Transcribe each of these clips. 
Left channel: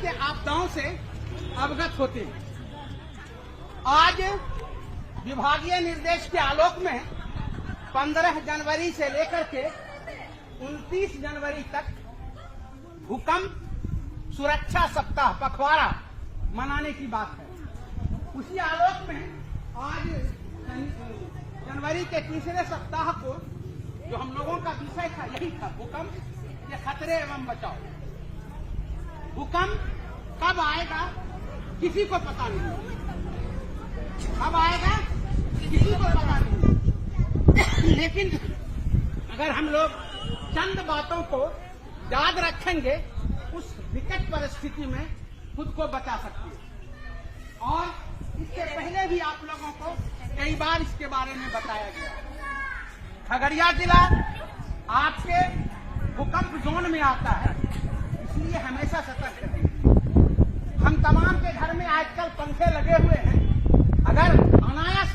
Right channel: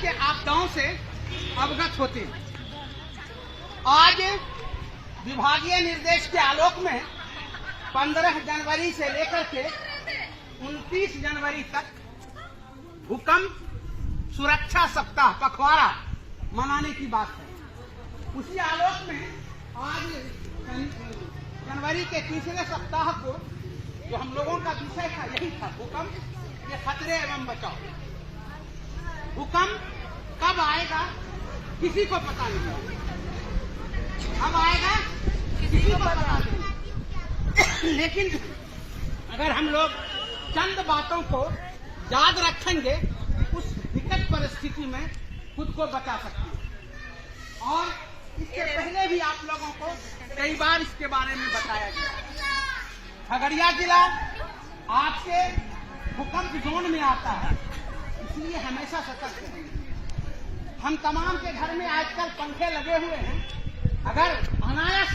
के आपदाओं से अवगत होते हैं। आज विभागीय निर्देश के आलोक में 15 जनवरी से लेकर के 29 जनवरी तक भूकंप सुरक्षा सप्ताह पखवाड़ा मनाने की बात है। उसी आलोक में आज जनवरी के तीसरे सप्ताह को जो हम लोगों का विषय था यही था, भूकंप के खतरे एवं बचाव। भूकंप कब आएगा किसी को पता नहीं है, कब आएगा किसी को पता नहीं। लेकिन अगर हम लोग चंद बातों को याद रखेंगे उस विकट परिस्थिति में खुद को बचा सकते हैं। और इसके पहले भी आप लोगों को कई बार इसके बारे में बताया गया। खगड़िया जिला आपके भूकंप जोन में आता है, इसलिए हमेशा सतर्क रहेंगे। हम तमाम के घर में आजकल पंखे लगे हुए हैं, अगर अनायास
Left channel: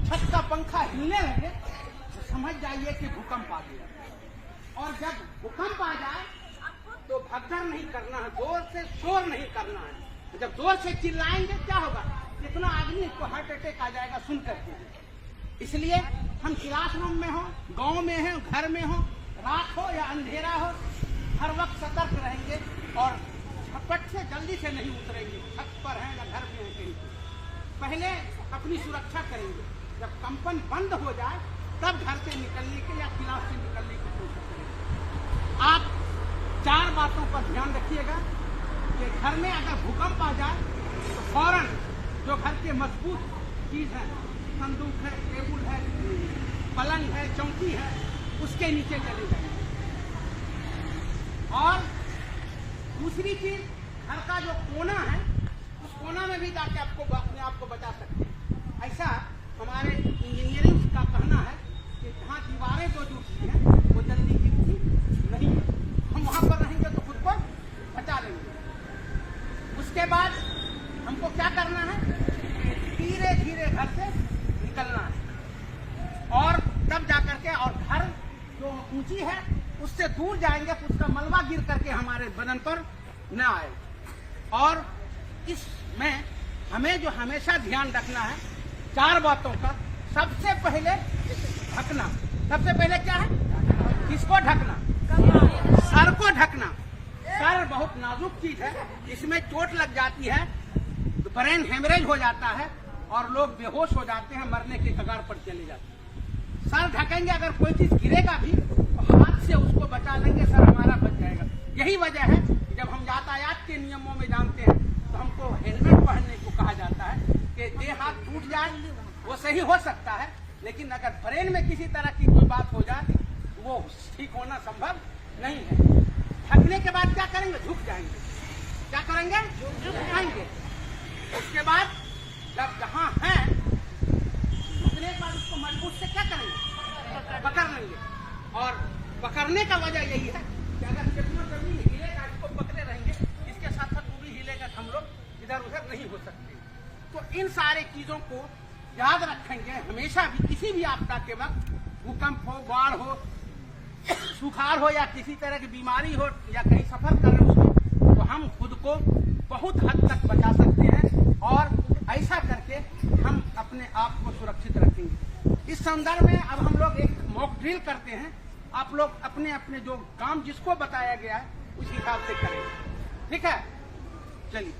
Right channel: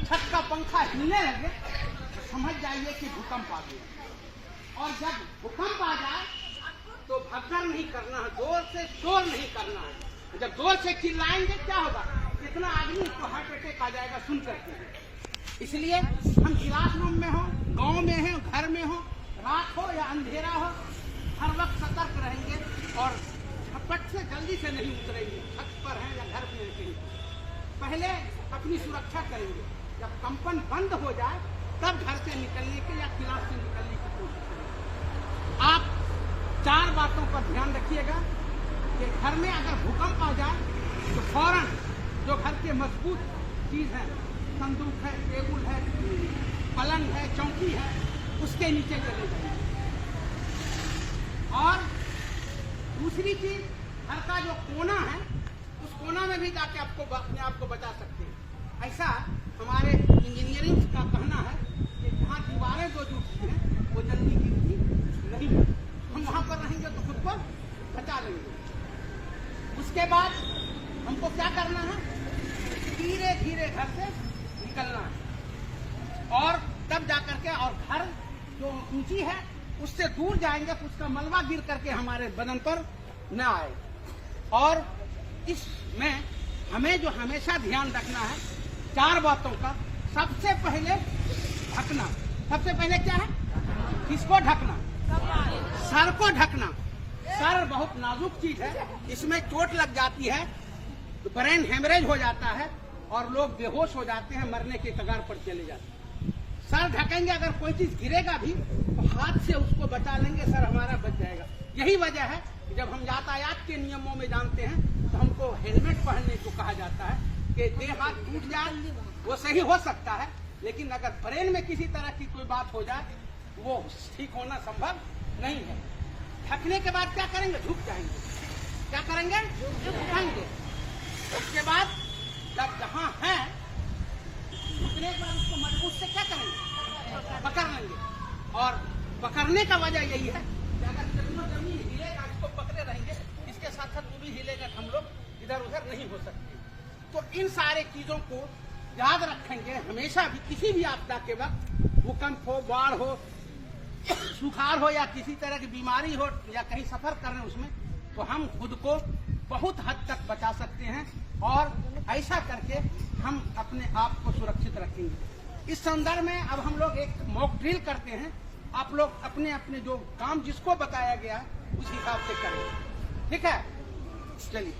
छत का पंखा हिलने लगे तो समझ जाइए कि भूकंप आ गया। और जब भूकंप आ जाए तो भगदड़ नहीं करना है, जोर से शोर नहीं करना है। जब जोर से चिल्लाएंगे क्या होगा, कितना आदमी को हार्ट अटैक आ जाएगा सुन करके। इसलिए हम क्लासरूम में हो, गांव में हो, घर में हो, रात हो या अंधेरा हो, हर वक्त सतर्क रहेंगे और झपट से जल्दी से नहीं उतरेंगे। छत पर हैं या घर में हैं कहीं, पहले अपनी सुरक्षा करेंगे। जब कंपन बंद हो जाए तब घर से निकलने के या क्लास से निकलने की कोशिश करेंगे। आप 4 बातों पर ध्यान रखिएगा कि घर में अगर भूकंप आ जाए तो फौरन जो घर के मजबूत चीज है, संदूक है, टेबुल है, पलंग है, चौकी है, उसके नीचे चले जाएंगे। और दूसरी चीज, घर का जो कोना है उस कोना में भी जाके आपको अपने आप को बचा सकते हैं। ऐसा हमारे इंजीनियरिंग का कहना है कि जहाँ दीवारें जो जुटती हैं वो जल्दी गिरती नहीं, हम वहां पर रहेंगे तो खुद को बचा लेंगे। उसके बाद हमको क्या करना है, धीरे धीरे घर से निकलना है और तब जाकर के, और घर जो ऊंची है उससे दूर जाएंगे तो उसका मलबा गिर करके हमारे बदन पर न आए। और इसमें हमें जो हमेशा ध्यान रखना है 4 बातों का। सबसे पहले ढकना। सबसे पहले क्या है, किसको ढकना, सर को ढकना। सर बहुत नाजुक चीज है, इसमें चोट लग जाती है तो ब्रेन हेमरेज हो जाता है और लोग बेहोश हो जाते हैं, मरने के कगार पर चले जाते हैं। सर ढकेंगे, अगर कोई चीज गिरेगा भी तो हाथ से उसको बचा लेंगे, सर हमारा बच जाएगा। यही वजह है कि जब हम यातायात के नियमों में जानते हैं तो हमको हेलमेट पहनने को कहा जाता है कि देह हाथ टूट जाए वो सही हो सकता है, लेकिन अगर ब्रेन में किसी तरह की कोई बात हो जाए वो ठीक होना संभव नहीं है। ढकने के बाद क्या करेंगे, झुक जाएंगे। क्या करेंगे, झुकेंगे। उसके बाद जब जहां है झुकने के बाद उसको मजबूत से क्या करेंगे, पकड़ लेंगे। और पकड़ने का वजह यही है कि अगर जमीन हिलेगा इसको पकड़े रहेंगे, इसके साथ साथ वो भी हिलेगा, हम लोग इधर उधर नहीं हो सकते। तो इन सारे चीजों को याद रखेंगे हमेशा भी। किसी भी आपदा के वक्त, भूकंप हो, बाढ़ हो, सुखाड़ हो या किसी तरह की बीमारी हो या कहीं सफर कर रहे हो, उसमें तो हम खुद को बहुत हद तक बचा सकते हैं और ऐसा करके हम अपने आप को सुरक्षित रखेंगे। इस संदर्भ में अब हम लोग एक मॉक ड्रिल करते हैं। आप लोग अपने अपने जो काम जिसको बताया गया है इस हिसाब से करें, ठीक है। चलिए।